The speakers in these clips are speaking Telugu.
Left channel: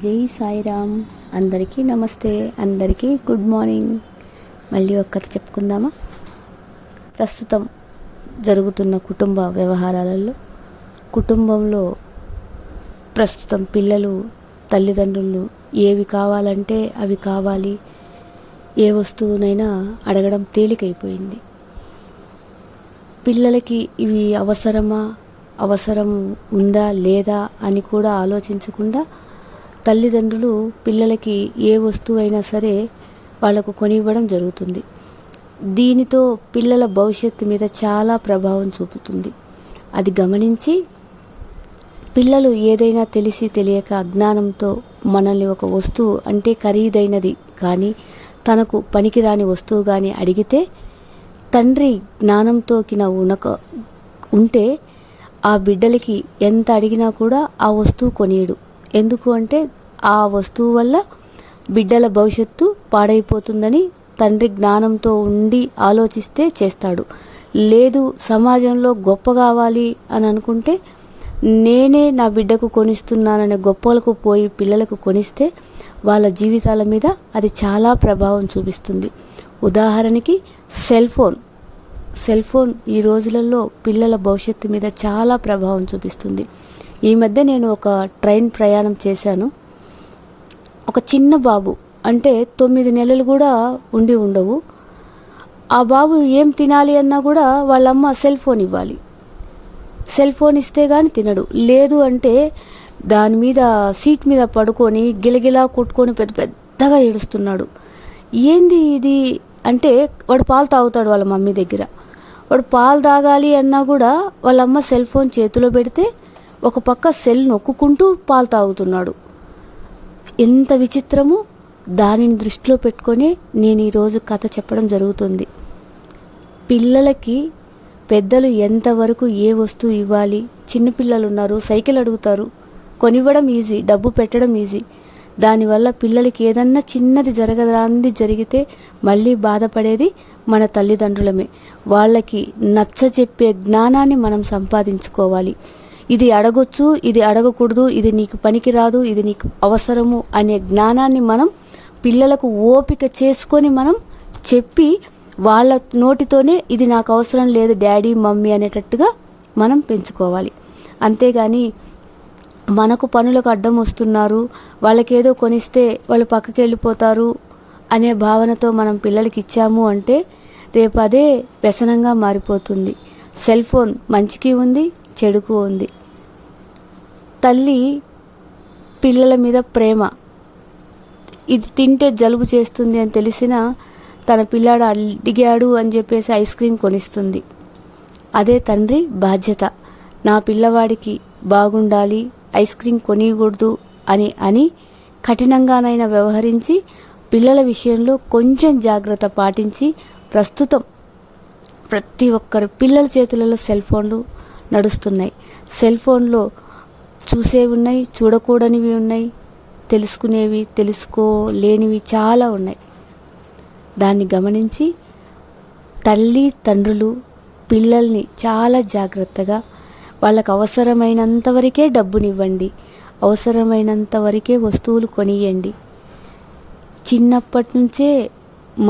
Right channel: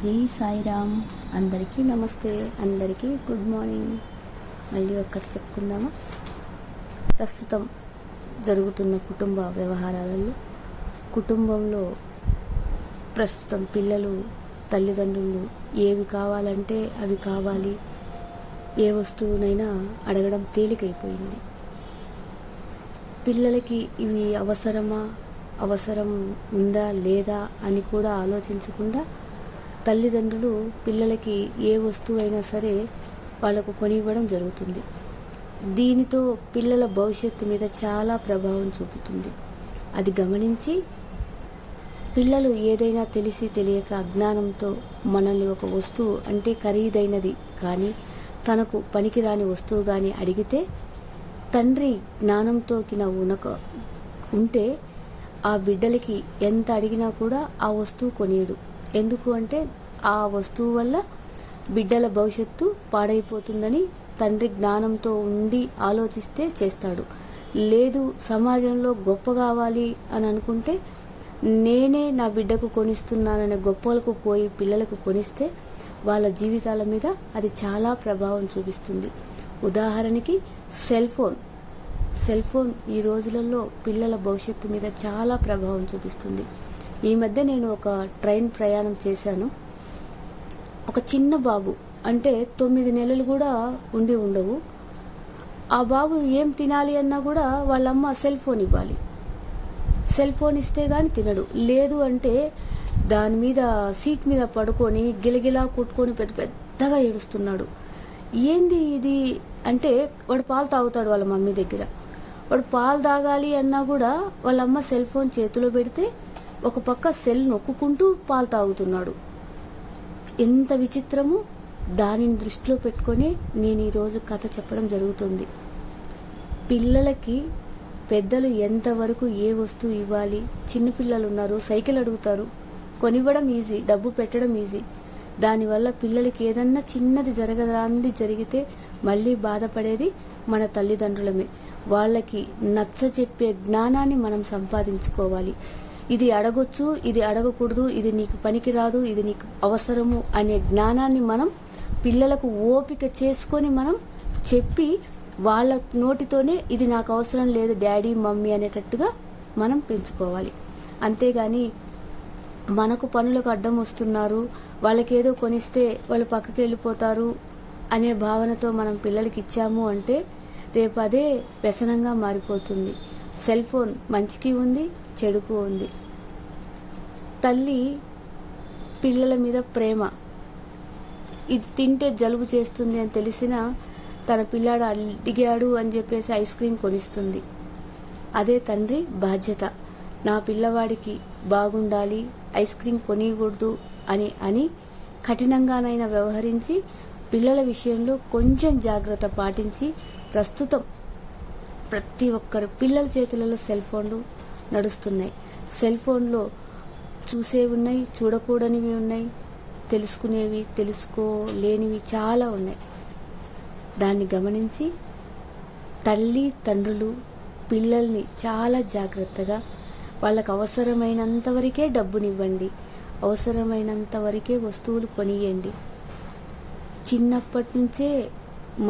జై సాయిరామ్. అందరికీ నమస్తే, అందరికీ గుడ్ మార్నింగ్. మళ్ళీ ఒక కథ చెప్పుకుందామా? ప్రస్తుతం జరుగుతున్న కుటుంబ వ్యవహారాలలో, కుటుంబంలో ప్రస్తుతం పిల్లలు తల్లిదండ్రులు ఏవి కావాలంటే అవి కావాలి, ఏ వస్తువునైనా అడగడం తేలికైపోయింది. పిల్లలకి ఇవి అవసరం ఉందా లేదా అని కూడా ఆలోచించకుండా తల్లిదండ్రులు పిల్లలకి ఏ వస్తువు అయినా సరే వాళ్ళకు కొనివ్వడం జరుగుతుంది. దీనితో పిల్లల భవిష్యత్తు మీద చాలా ప్రభావం చూపుతుంది. అది గమనించి పిల్లలు ఏదైనా తెలిసి తెలియక అజ్ఞానంతో మనల్ని ఒక వస్తువు అంటే ఖరీదైనది కానీ తనకు పనికిరాని వస్తువు కానీ అడిగితే తండ్రి జ్ఞానంతో ఉంటే ఆ బిడ్డలకి ఎంత అడిగినా కూడా ఆ వస్తువు కొనియడు. ఎందుకు అంటే ఆ వస్తువు వల్ల బిడ్డల భవిష్యత్తు పాడైపోతుందని తండ్రి జ్ఞానంతో ఉండి ఆలోచిస్తే చేస్తాడు. లేదు సమాజంలో గొప్ప కావాలి అని అనుకుంటే నేనే నా బిడ్డకు కొనిస్తున్నాననే గొప్పలకు పోయి పిల్లలకు కొనిస్తే వాళ్ళ జీవితాల మీద అది చాలా ప్రభావం చూపిస్తుంది. ఉదాహరణకి సెల్ ఫోన్ ఈ రోజులలో పిల్లల భవిష్యత్తు మీద చాలా ప్రభావం చూపిస్తుంది. ఈ మధ్య నేను ఒక ట్రైన్ ప్రయాణం చేశాను. ఒక చిన్న బాబు అంటే 9 నెలలు కూడా ఉండవు. ఆ బాబు ఏం తినాలి అన్నా కూడా వాళ్ళమ్మ సెల్ ఫోన్ ఇవ్వాలి. సెల్ ఫోన్ ఇస్తే కానీ తినడు. లేదు అంటే దాని మీద సీట్ మీద పడుకొని గిలగిలా కొట్టుకొని పెద్దగా ఏడుస్తున్నాడు. ఏంది ఇది అంటే వాడు పాలు తాగుతాడు వాళ్ళ మమ్మీ దగ్గర. వాడు పాలు తాగాలి అన్నా కూడా వాళ్ళమ్మ సెల్ ఫోన్ చేతిలో పెడితే ఒక పక్క సెల్ నొక్కుంటూ పాలు తాగుతున్నాడు. ఎంత విచిత్రము! దానిని దృష్టిలో పెట్టుకొని నేను ఈరోజు కథ చెప్పడం జరుగుతుంది. పిల్లలకి పెద్దలు ఎంతవరకు ఏ వస్తువు ఇవ్వాలి, చిన్నపిల్లలు ఉన్నారు, సైకిల్ అడుగుతారు, కొనివ్వడం ఈజీ, డబ్బు పెట్టడం ఈజీ. దానివల్ల పిల్లలకి ఏదన్నా చిన్నది జరిగితే మళ్ళీ బాధపడేది మన తల్లిదండ్రులమే. వాళ్ళకి నచ్చచెప్పే జ్ఞానాన్ని మనం సంపాదించుకోవాలి. ఇది అడగొచ్చు, ఇది అడగకూడదు, ఇది నీకు పనికిరాదు, ఇది నీకు అవసరము అనే జ్ఞానాన్ని మనం పిల్లలకు ఓపిక చేసుకొని మనం చెప్పి వాళ్ళ నోటితోనే ఇది నాకు అవసరం లేదు డాడీ మమ్మీ అనేటట్టుగా మనం పెంచుకోవాలి. అంతేగాని మనకు పనులకు అడ్డం వస్తున్నారు, వాళ్ళకేదో కొనిస్తే వాళ్ళు పక్కకి వెళ్ళిపోతారు అనే భావనతో మనం పిల్లలకి ఇచ్చాము అంటే రేపు అదే వ్యసనంగా మారిపోతుంది. సెల్ ఫోన్ మంచికి ఉంది, చెడుకు ఉంది. తల్లి పిల్లల మీద ప్రేమ, ఇది తింటే జలుబు చేస్తుంది అని తెలిసినా తన పిల్లాడు అడిగాడు అని చెప్పేసి ఐస్ క్రీమ్ కొనిస్తుంది. అదే తండ్రి బాధ్యత. నా పిల్లవాడికి బాగుండాలి, ఐస్ క్రీమ్ కొనియకూడదు అని కఠినంగానైనా వ్యవహరించి పిల్లల విషయంలో కొంచెం జాగ్రత్త పాటించి ప్రస్తుతం ప్రతి ఒక్కరు పిల్లల చేతులలో సెల్ ఫోన్లు నడుస్తున్నాయి. సెల్ ఫోన్లో చూసేవి ఉన్నాయి, చూడకూడనివి ఉన్నాయి, తెలుసుకునేవి తెలుసుకోలేనివి చాలా ఉన్నాయి. దాన్ని గమనించి తల్లి తండ్రులు పిల్లల్ని చాలా జాగ్రత్తగా వాళ్ళకు అవసరమైనంత వరకే డబ్బునివ్వండి, అవసరమైనంత వరకే వస్తువులు కొనియండి. చిన్నప్పటి నుంచే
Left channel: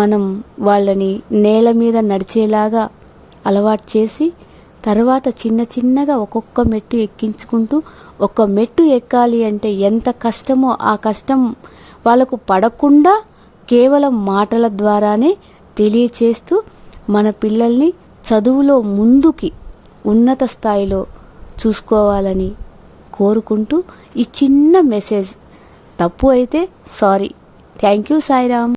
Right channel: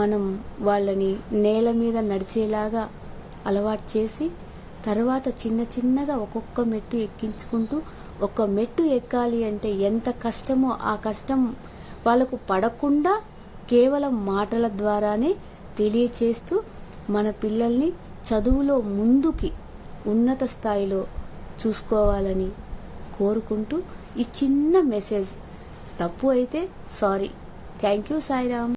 మనం వాళ్ళని నేల మీద నడిచేలాగా అలవాటు చేసి తర్వాత చిన్నగా ఒక్కొక్క మెట్టు ఎక్కించుకుంటూ ఒక మెట్టు ఎక్కాలి అంటే ఎంత కష్టమో ఆ కష్టం వాళ్ళకు పడకుండా కేవలం మాటల ద్వారానే తెలియచేస్తూ మన పిల్లల్ని చదువులో ముందుకి ఉన్నత స్థాయిలో చూసుకోవాలని కోరుకుంటూ ఈ చిన్న మెసేజ్. తప్పు అయితే సారీ. Thank you Sairam.